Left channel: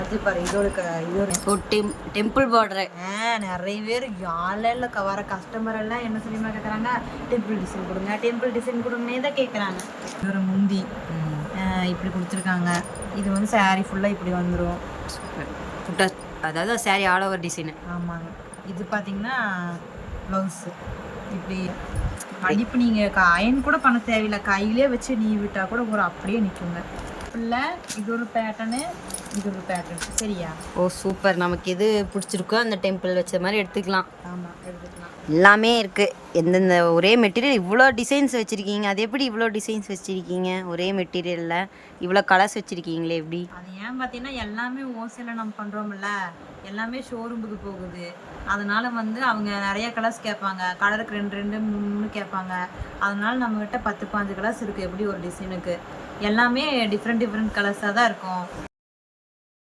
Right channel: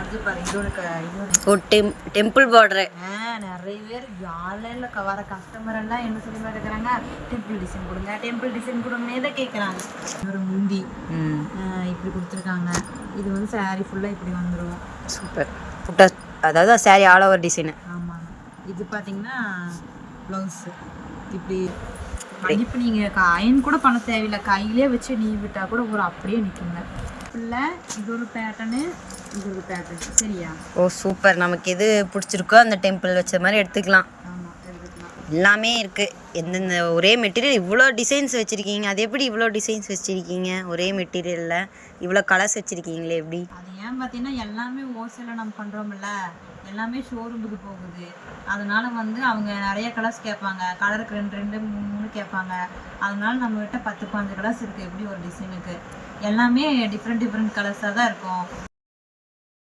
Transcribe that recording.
அது பாரு இதோட ஓ டெம்பிள் பார்டர். நிறைய பேர் ஆன்லைனில் வர கஸ்டமர் எல்லாம் என்ன சொல்லி கேட்குறாங்க, டெம்பிள் டிசைன் கொடுங்க, டெம்பிள் டிசைன் கொடுங்கன்னே தான் கேட்குறாங்க. ஒரு முந்தி இப்படி கொடுத்துருக்காங்க. இது வந்து சாரீ ஃபுல்லாக இப்படி வந்துடும். சூப்பர். புட்டா அதாவது சாரீ ஆல் ஓவர் டிசைனு. ஆமாங்க. இது பார்த்தீங்கன்னா ப்ளவுஸு இப்படி மடிப்பு நீங்கள் அயன் கூட பண்ண தேவையில்லை, கையிலே வச்சு நீ விட்டால் கூட ஒரு அப்படியே நிற்குங்க. இல்லை இது ஒரு பேட்டர்னு, இது ஒரு பேட்டர்ன். சரியா? ஓ சூப்பர். நமக்கு எது பிடிச்சிருக்கோ அந்த டெம்பிள் வச்ச மாதிரி எடுத்துக்கலாம். ஆமாம், எடுத்துக்கலாம். எல்லாமே இருக்குது. எந்தெந்த ஒரே மெட்டீரியல் இவ்வளோ டிசைன்ஸ் வச்சுருக்கீங்க. அது எப்படி இவ்வளோ டிசைன்ஸ் வச்சுருக்கீங்க? ஒரே மெட்டீரியலில் இவ்வளோ கலர்ஸ் வச்சுருக்கீங்களே எப்படி? அது ஏன் பார்த்தீங்கன்னா எல்லாமே ஹோல்சேலில் நம்ம பண்ணுறோம்ல, எல்லாமே ஷோரூமுக்கு போகுது. அதனால் வந்து அவங்க நிறைய கலர்ஸ் கேட்பாங்க, கலருக்கு 2 3 கேட்பாங்க. அதனால நம்மக்கிட்ட 10 15 கலர்ஸ் இருக்குது எப்படி ஒரு டிசைனுக்கு. எல்லாமே டிஃப்ரெண்ட் கலர்ஸாக தான் இருக்கும்.